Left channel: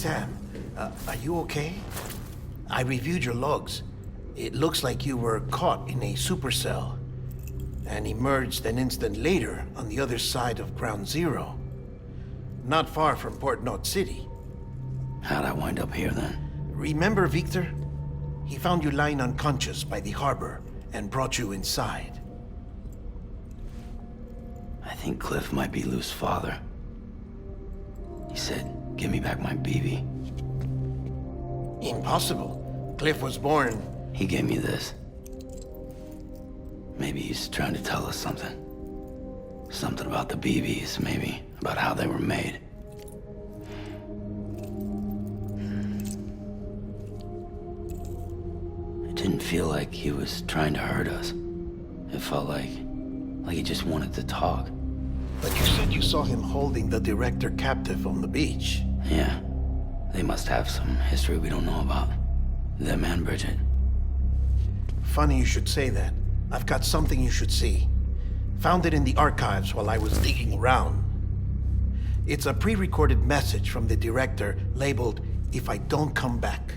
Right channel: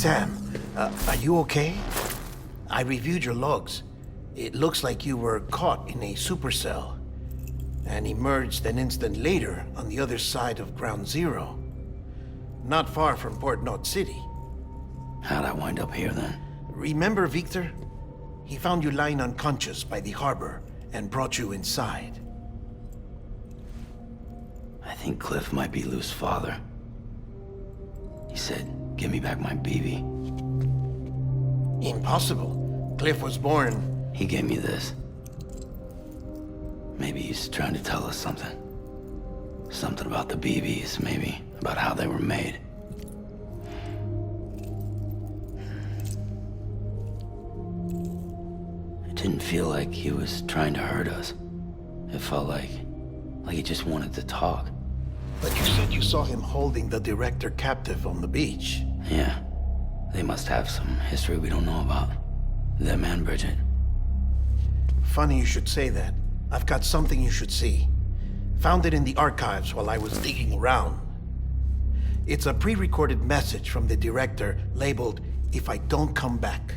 Sam, are you okay? I reviewed your logs. It looks like you were caught in a supercell and emerged an instant later on the other side of Ground Zero. Not far from Port Knot City. How'd I wind up here then? Remember Victor? He found you lying unconscious by the harbor and brought you inside. I think Cliff might be Lou's father. He said, give me back my BB. Impossible. Cliff was born... He gave me this. Maybe he's trying to tell us something. Something about the BBs, maybe. About how they were made. It didn't feel like he was trying to hurt us. It felt like he just wanted to talk. But you said you saw him holding the director captive on the beach. Yeah. They must have some history we don't know about. Them and Bridget. Funny you should say that. I've got something you should see. Found it in the archives while I was digging around. It's a pre-recorded message from the director labeled, "If I don't come back."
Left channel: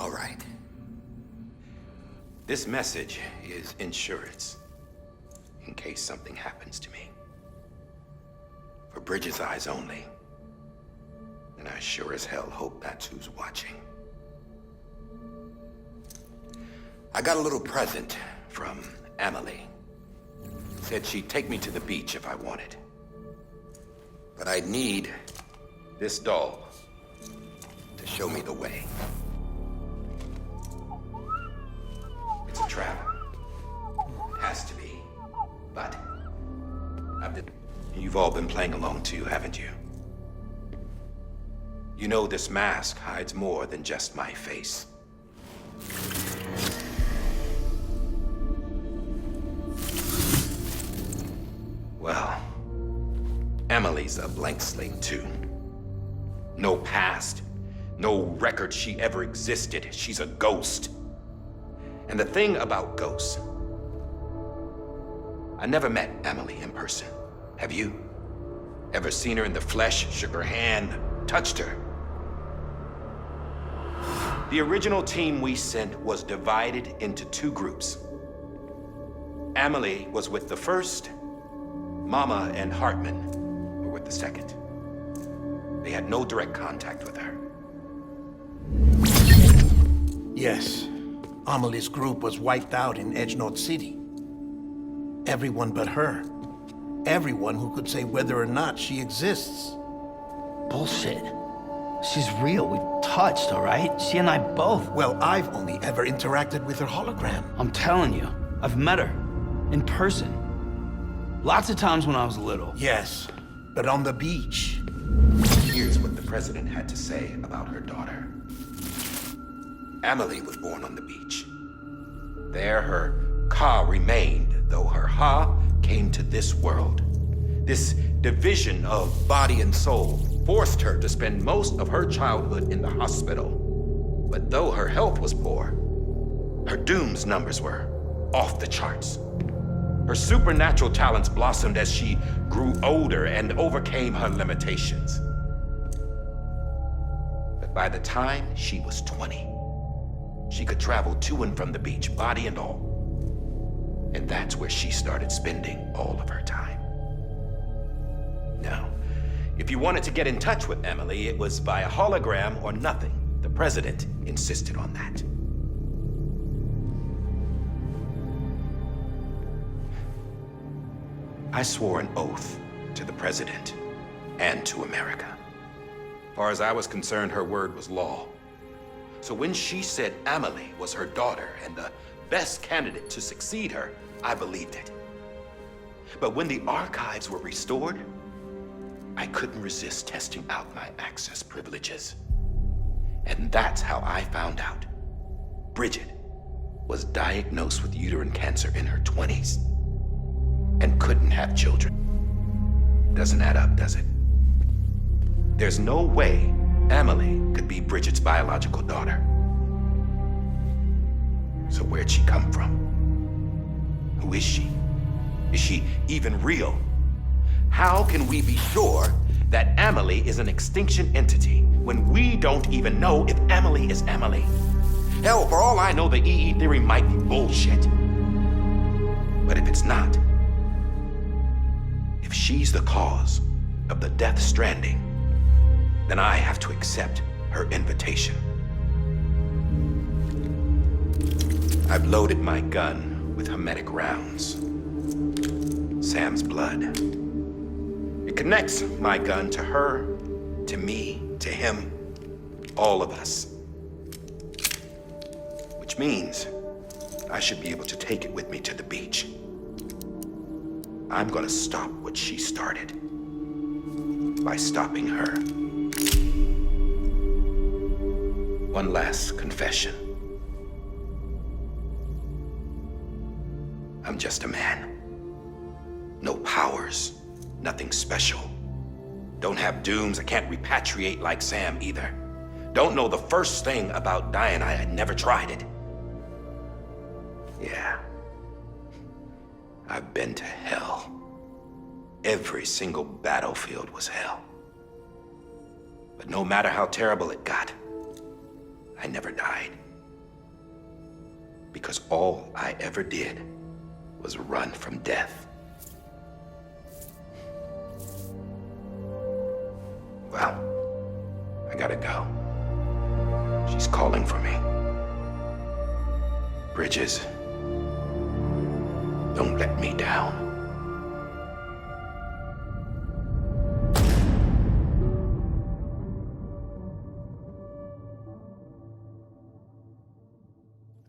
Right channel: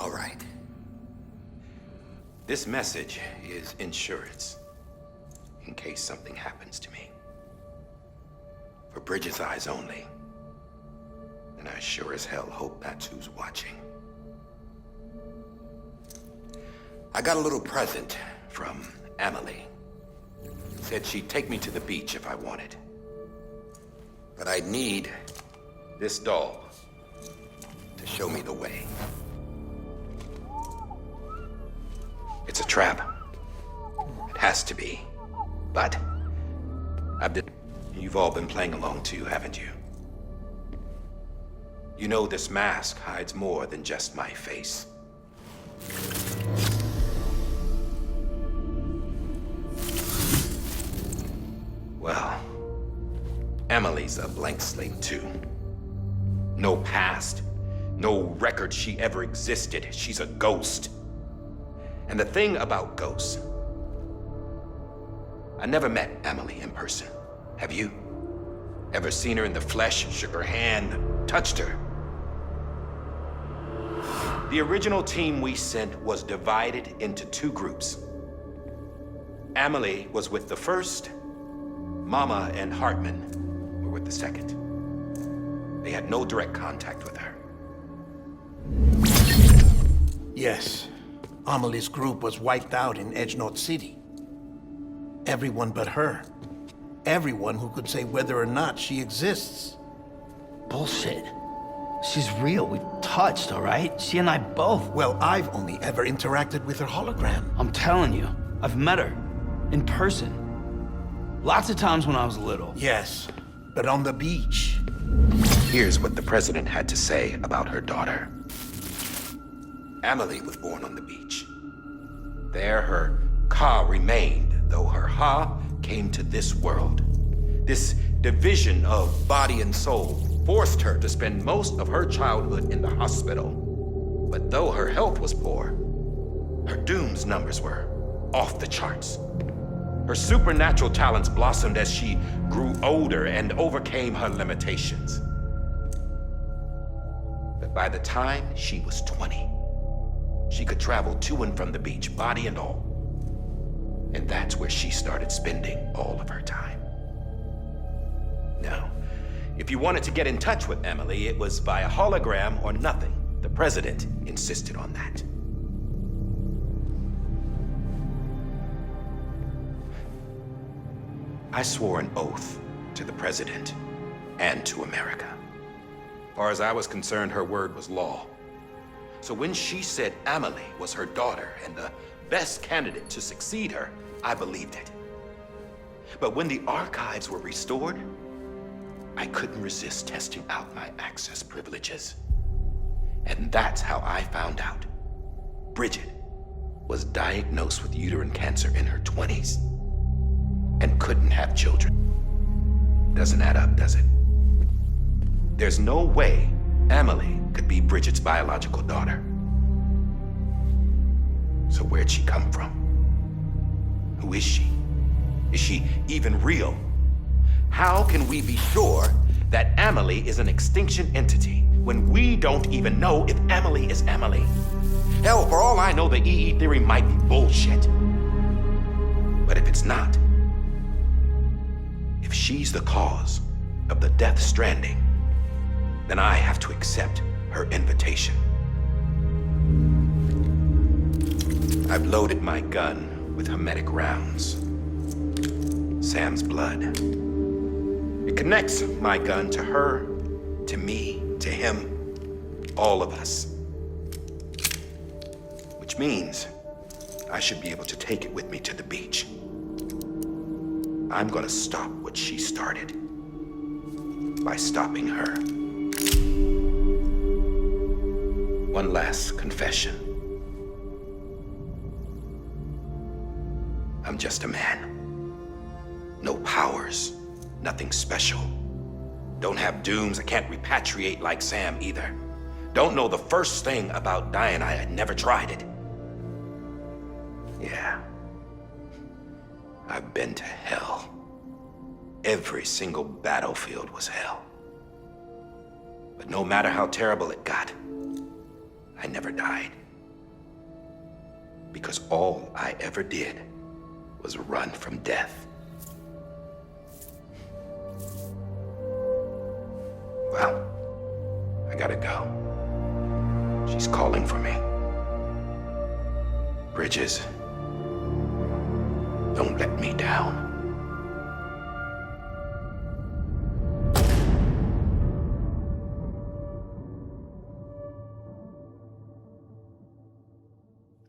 All right. This message is insurance, in case something happens to me. For Bridget's eyes only. And I sure as hell hope that's who's watching. I got a little present from Emily. Said she'd take me to the beach if I wanted. But I'd need this doll to show me the way. It's a trap. It has to be. But you've all been playing along too, haven't you? You know this mask hides more than just my face. Well, Emily's a blank slate too. No past, no record she ever existed. She's a ghost. And the thing about ghosts, I never met Emily in person. Have you? Ever seen her in the flesh, shook her hand, touched her? The original team we sent was divided into two groups. Emily was with the first, Mama and Hartman were with the second. They had no direct contact with her. Yes. Amelie's group was wiped out in Edge Knot City. Everyone but her. Everyone who could say whether or not she exists. Bullshit. She's real. We've touched, all right? She and I both. Well, I've only ever interacted with her hologram. I'm telling you, I've met her. In person. Lots of times when I was little. Yes, but on the beach. Here's what the president had to say about her daughter. Emily was born on the beach. There her Ka remained, though her Ha came to this world. This division of body and soul forced her to spend most of her childhood in the hospital. But though her health was poor, her Doom's numbers were off the charts. Her supernatural talents blossomed as she grew older and overcame her limitations. But by the time she was 20, she could travel to and from the beach, body and all. And that's where she started spending all of her time. Now, if you wanted to get in touch with Emily, it was via hologram or nothing. The president insisted on that. I swore an oath to the president and to America. As far as I was concerned, her word was law. So when she said Emily was her daughter and the best candidate to succeed her, I believed it. But when the archives were restored, I couldn't resist testing out my access privileges. And that's how I found out. Bridget was diagnosed with uterine cancer in her 20s and couldn't have children. Doesn't add up, does it? There's no way Amelie could be Bridget's biological daughter. So where'd she come from? Who is she? Is she even real? How can we be sure that Amelie is an extinction entity when we don't even know if Amelie is Amelie? Hell, for all I know, the EE theory might be bullshit. But if it's not, if she's the cause of the Death Stranding, then I have to accept her invitation. I've loaded my gun with hermetic rounds. Sam's blood. It connects my gun to her, to me, to him, all of us. Which means I should be able to take it with me to the beach. I'm gonna stop what she started by stopping her. One last confession. I'm just a man. No powers, nothing special. Don't have dooms, I can't repatriate like Sam either. Don't know the first thing about dying, I had never tried it. Yeah. I've been to hell. Every single battlefield was hell. But no matter how terrible it got, I never died. Because all I ever did was run from death. Well, I gotta go. She's calling for me. Bridges, don't let me down.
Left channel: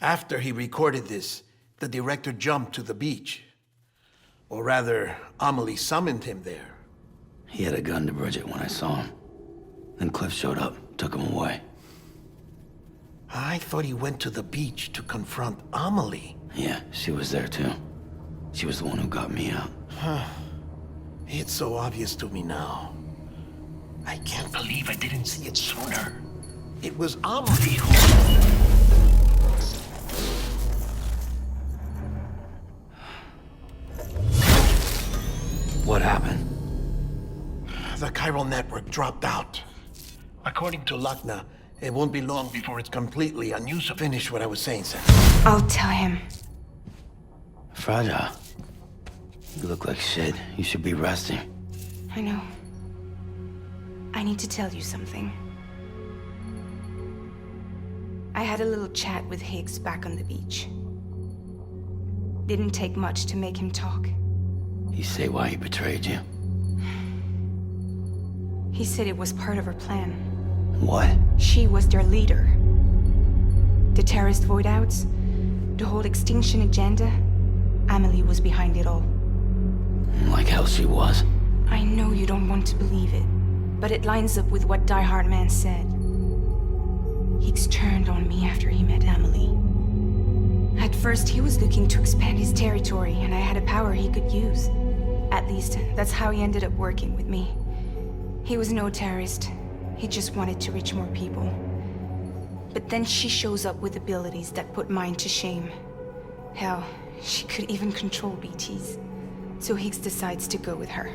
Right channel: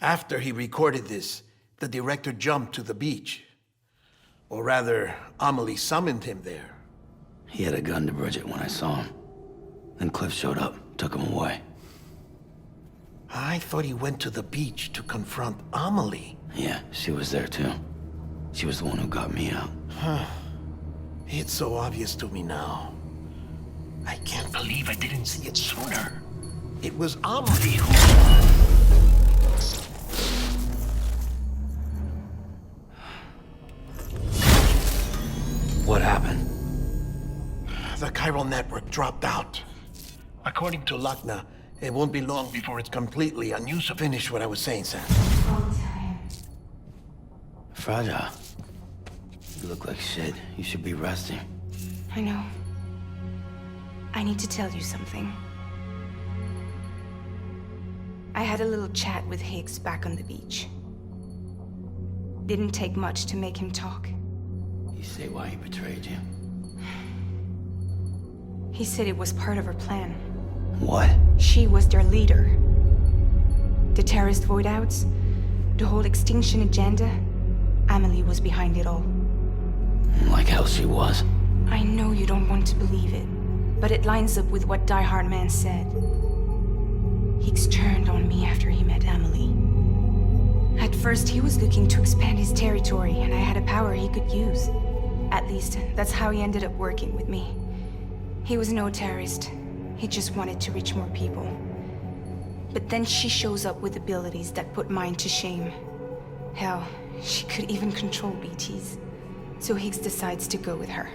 After he recorded this, the director jumped to the beach. Or rather, Amelie summoned him there. He had a gun to Bridget when I saw him. Then Cliff showed up, took him away. I thought he went to the beach to confront Amelie. Yeah, she was there too. She was the one who got me out. It's so obvious to me now. I can't believe I didn't see it sooner. It was Amelie who... What happened? The chiral network dropped out. According to Lakna, it won't be long before it's completely unused. To finish what I was saying, Sam. I'll tell him. Fragile. You look like shit. You should be resting. I know. I need to tell you something. I had a little chat with Higgs back on the beach. Didn't take much to make him talk. You say why he betrayed you? He said it was part of her plan. What? She was their leader. The terrorist void-outs, the whole extinction agenda, Amelie was behind it all. Like hell she was. I know you don't want to believe it, but it lines up with what Die Hard Man said. Higgs turned on me after he met Amelie. At first, he was looking to expand his territory, and I had a power he could use. At least, that's how he ended up working with me. He was no terrorist. He just wanted to reach more people. But then she shows up with abilities that put mine to shame. Hell, she could even control BTs. So Higgs decides to go with her.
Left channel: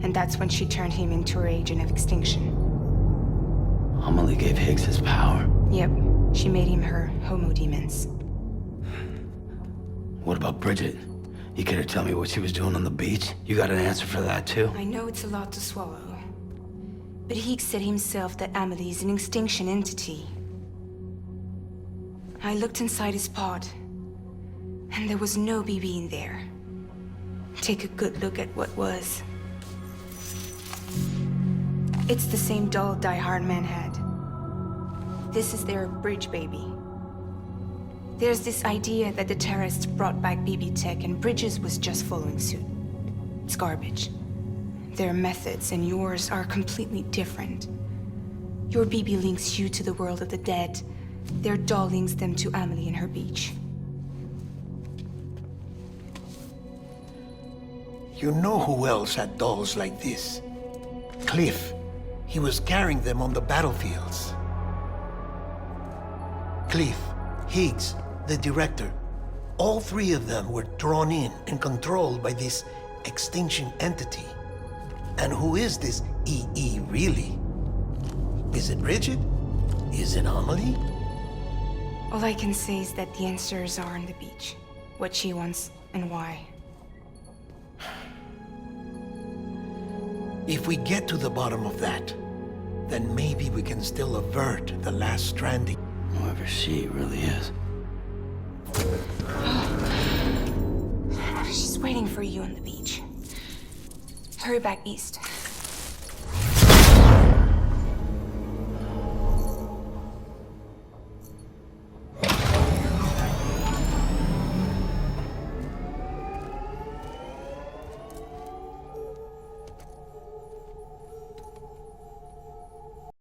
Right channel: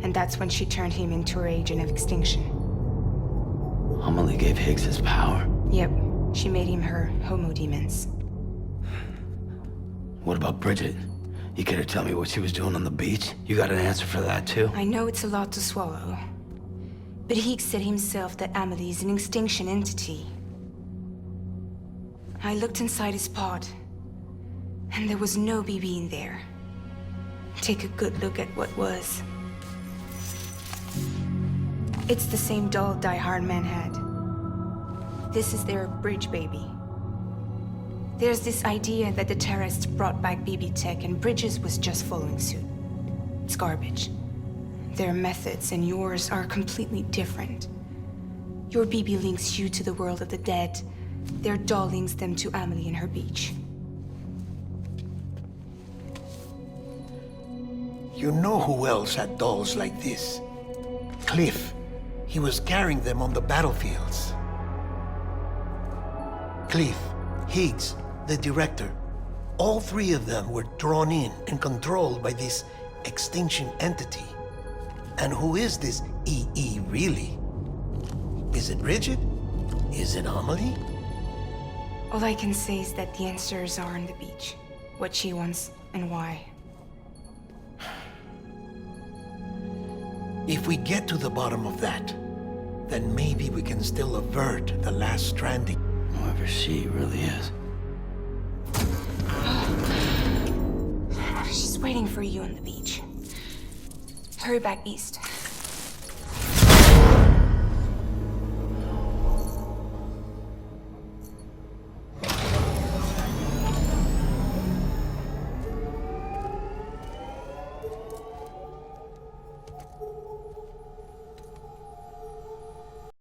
And that's when she turned him into her agent of extinction. Amelie gave Higgs his power. Yep, she made him her homo demons. What about Bridget? You care to tell me what she was doing on the beach? You got an answer for that too? I know it's a lot to swallow. But Higgs said himself that Amelie is an extinction entity. I looked inside his pod, and there was no BB in there. Take a good look at what was. It's the same doll Die Hard Man had. This is their bridge baby. There's this idea that the terrorists brought back BB tech and Bridges was just following suit. It's garbage. Their methods and yours are completely different. Your BB links you to the world of the dead. Their doll links them to Amelie and her beach. You know who else had dolls like this? Cliff. He was carrying them on the battlefields. Cliff, Higgs, the director, all three of them were drawn in and controlled by this extinction entity. And who is this EE really? Is it Bridget? Is it Amelie? All I can say is that the answers are on the beach. What she wants and why. If we get to the bottom of that, then maybe we can still avert the last stranding. Whoever she really is. She's waiting for you on the beach. Hurry back east.